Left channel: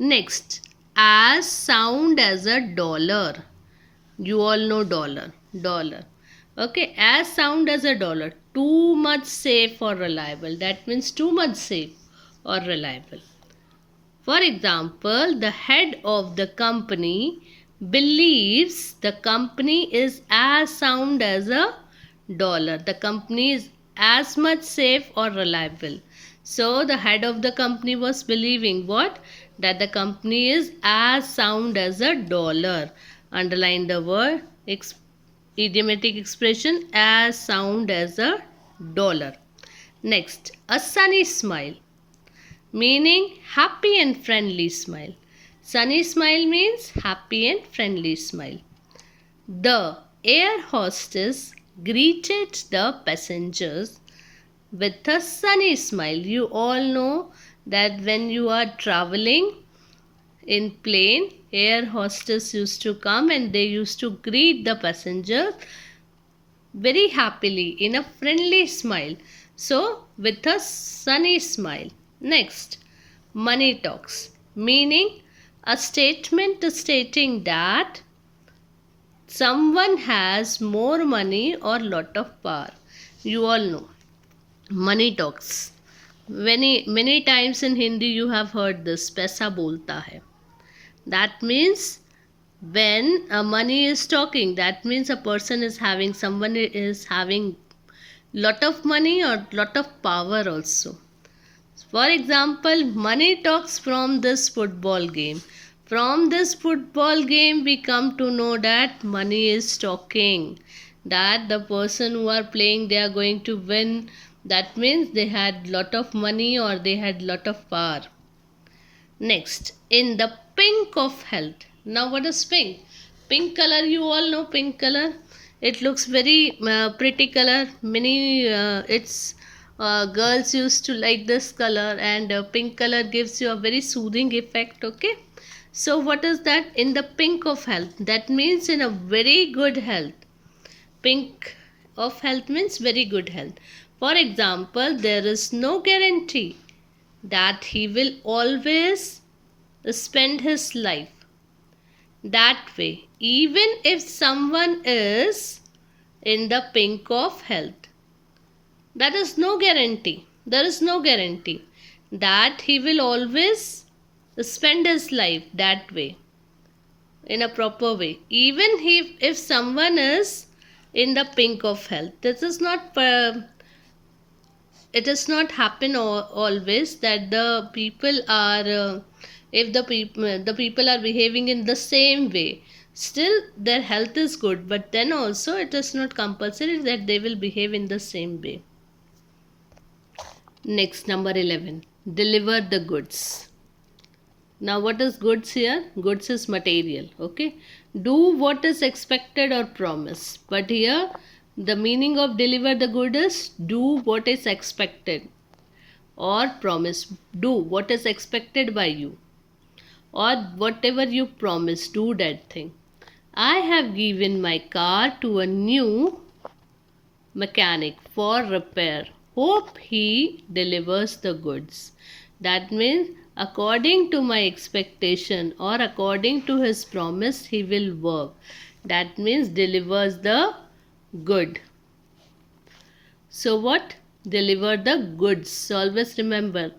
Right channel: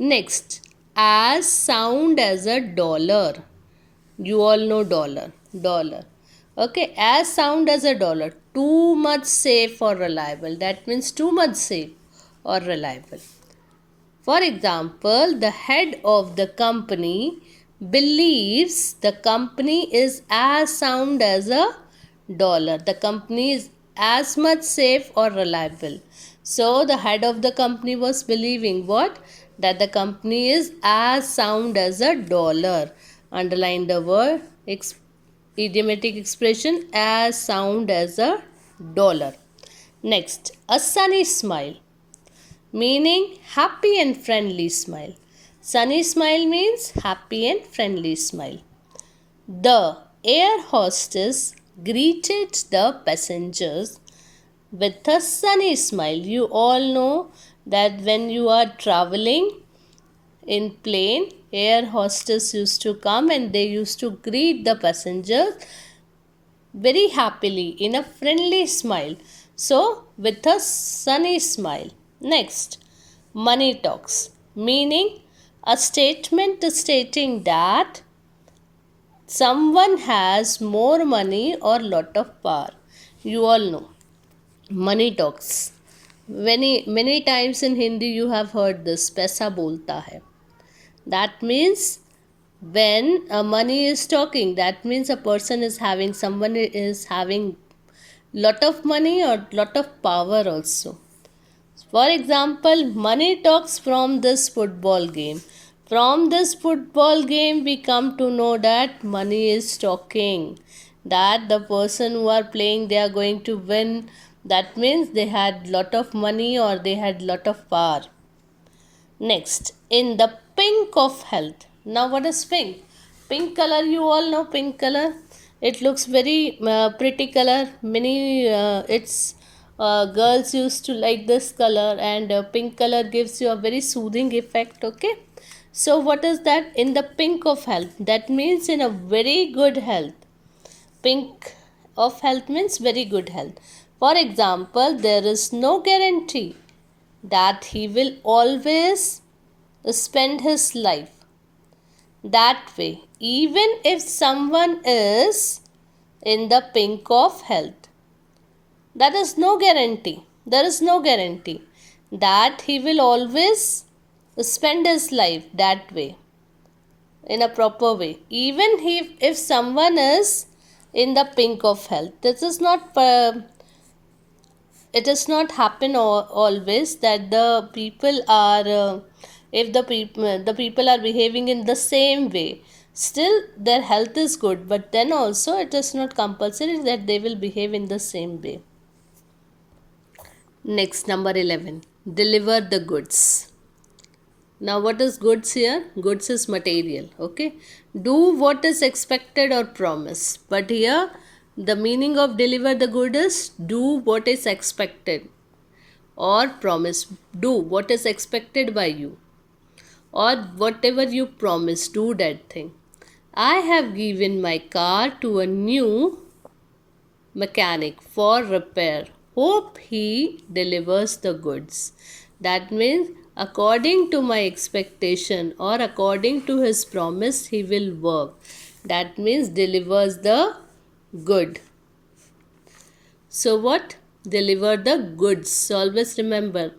Next, as sound as a dollar. You all know dollar. Dollar. Okay, as sound as a dollar. Too much safe or reliable. That means too much safe or reliable. For example, the head of the company believes the company is as sound as a dollar. The company is as much safe or reliable. So the head of the company was believing what? That the company is as sound as a dollar. Underline the word idiomatic expression as sound as a dollar. Next, a sunny smile, meaning happy and friendly smile. Sunny smile means happy and friendly smile. The air hostess greeted the passengers with a sunny smile. You all know that when you are traveling in plane, air hostess used to come and they used to greet the passengers very happily in a friendly smile. So, with a sunny smile. Next, money talks, meaning a statement stating that someone has more money or lot of power. You all know money talks. Many times in Hindi you have heard this, पैसा बोलता है. That means when money is talking, that means a person is having, someone is having lot of money or lot of power also. For example, money talks from this football game. From this football game, we come to know that money is talking. That the person who are playing, they are going to win. That means they had lot of money or they had lot of power. Next, in the pink of health. Now, what is pink? Pink color, you all know pink color. It looks very pretty color. Many it's girls used to like this color, and pink color gives you a very soothing effect. Okay, so what is that? In the pink of health, that means in a very good health. Pink of health means very good health. For example, there is no guarantee that he will always spend his life that way, even if someone is in the pink of health. That is no guarantee. There is no guarantee that he will always spend his life that way, in a proper way. Even if someone is in the pink of health, this is not it does not happen always that the people are if the people are behaving in the same way, still their health is good, but then also it is not compulsory that they will behave in the same way. Next, number 11, deliver the goods. Now, what is goods here? Goods is material. Okay, do what is expected or promised, but here the meaning of deliver the good is do what is expected or promise. Do what is expected by you, or whatever you promise, do that thing. I have given my car to a new mechanic for repair. Hope he delivers the goods. That means according to my expectation or according to his promise, he will work. That means delivers the good. So what? Deliver the goods. Always remember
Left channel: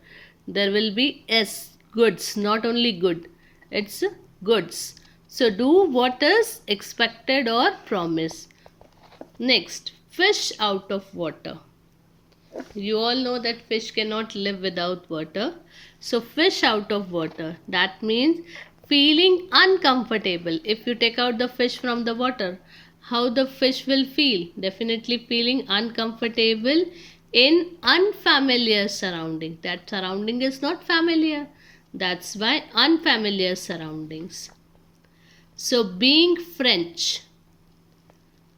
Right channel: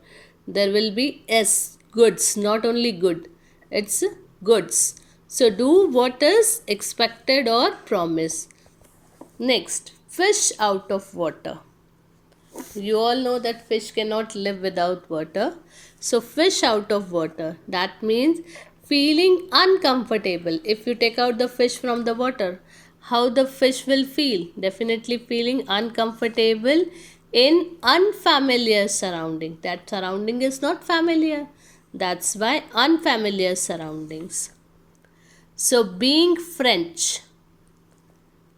there will be S, goods, not only good. It's goods. So do what is expected or promised. Next, fish out of water. You all know that fish cannot live without water. So fish out of water. That means feeling uncomfortable. If you take out the fish from the water, how the fish will feel? Definitely feeling uncomfortable in unfamiliar surrounding. That surrounding is not familiar. That's why unfamiliar surroundings. So being French,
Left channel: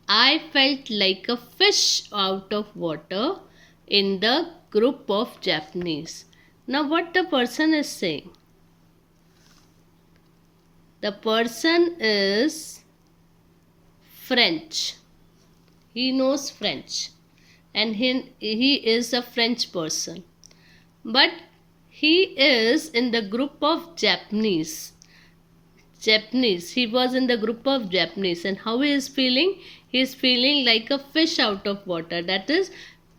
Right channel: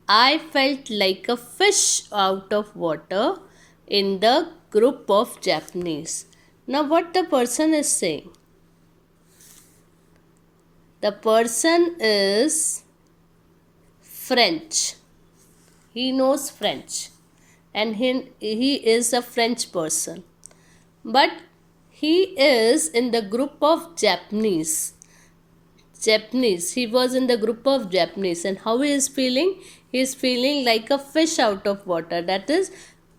I felt like a fish out of water in the group of Japanese. Now, what the person is saying? The person is French. He knows French and he is a French person. But he is in the group of Japanese. He was in the group of Japanese, and how he is feeling? He is feeling like a fish out of water. That is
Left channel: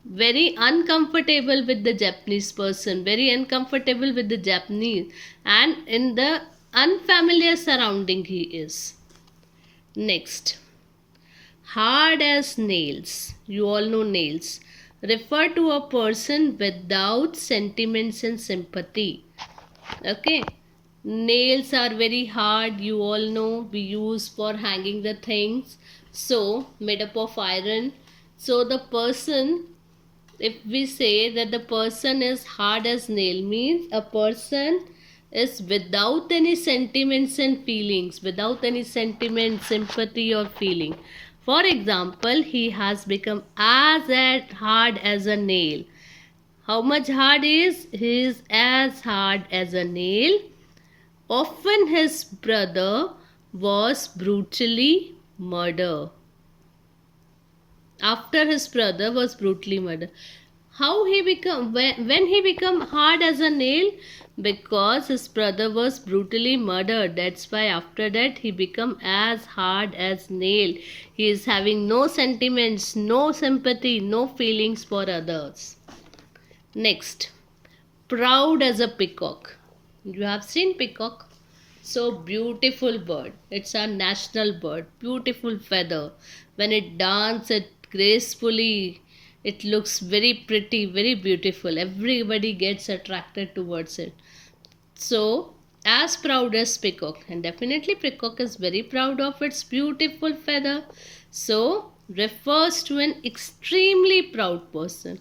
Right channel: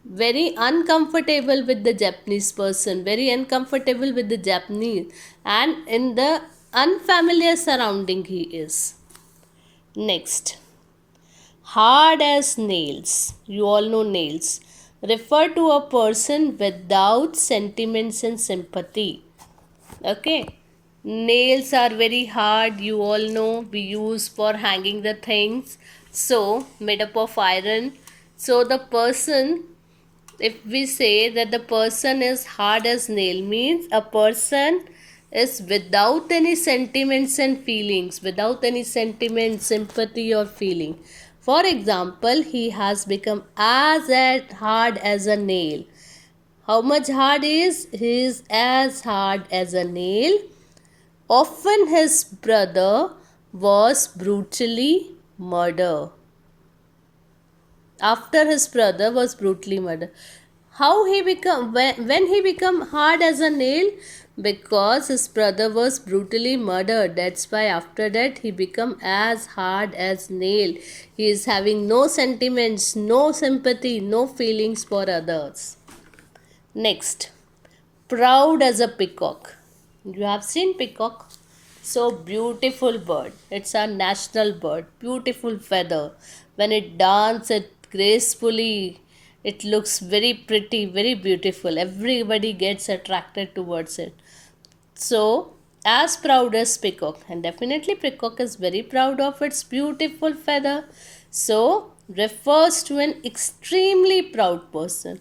very uncomfortable with the Japanese person, very uncomfortable with the Japanese, and in the unfamiliar surrounding he is. Next, hard as nails. You all know nails. Refer to a person without sentiments and sympathy. Okay. Nails are very hard, you all know, we use for hanging the things. So, made up of iron. So, the person, if we say that the person is hard as nail, means a person is without any sentiments and feelings, without any sentiment, sympathy or feeling. For example, he has become as hard as a nail. How much hard is? He is as hard as a nail. Often his brother was brutally murdered. After his brother was brutally murdered. How he become, when he become hard as a nail? Because his brother was brutally murdered. That's why after that he become as hard as nail. He is having no sentiments, no sympathy, no feelings for others. Next, proud as a peacock. You have seen peacock? So beautiful bird. It's our national bird. Beautiful feather. When it dances gracefully, it looks very pretty, very beautiful. Everybody gets attracted towards it. So, as proud as peacock. And definitely peacock is very proud of its beautiful feather. So, refers to an extremely proud person.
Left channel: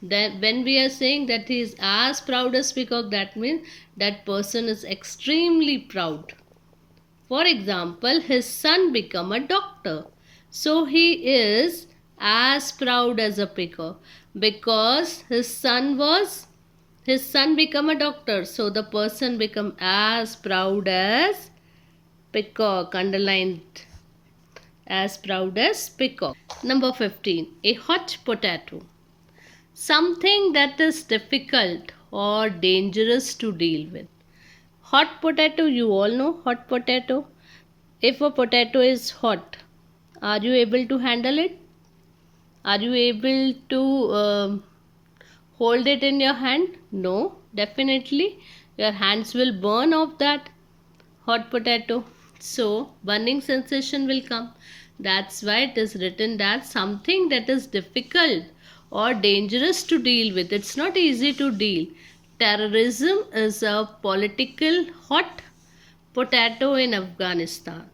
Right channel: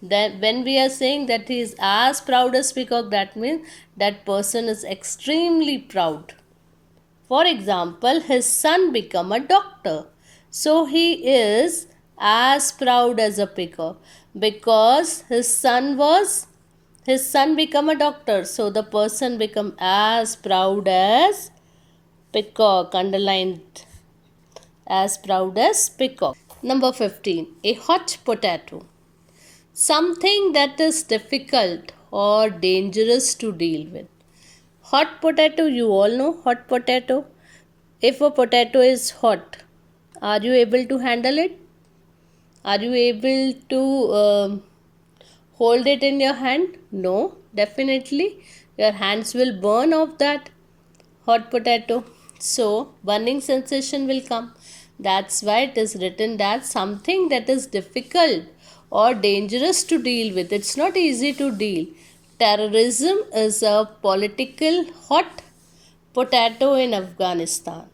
Then when we are saying that he is as proud as peacock, that means that person is extremely proud. For example, his son become a doctor. So he is as proud as a peacock because his son become a doctor. So the person become as proud as peacock. Underlined, as proud as peacock. Number 15. A hot potato. Something that is difficult or dangerous to deal with. Hot potato, you all know hot potato. If a potato is hot, are you able to handle it? Are you able to hold it in your hand? No, definitely. Your hands will burn off that hot potato. So, burning sensation will come. That's why it is written that something that is difficult or dangerous to deal with. It's not easy to deal. Terrorism is a political hot potato in Afghanistan.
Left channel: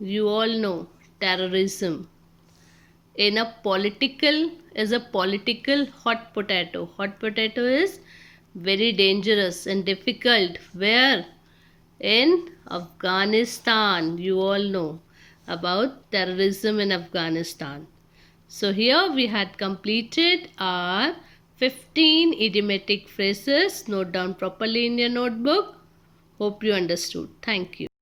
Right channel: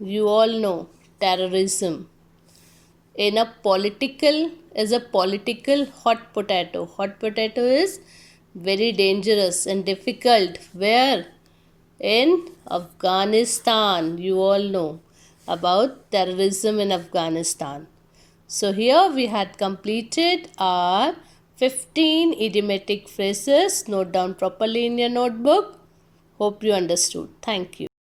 You all know terrorism in a political hot potato. Hot potato is very dangerous and difficult. Where? In Afghanistan. You all know about terrorism in Afghanistan. So here we had completed our 15 idiomatic phrases. Note down properly in your notebook. Hope you understood. Thank you.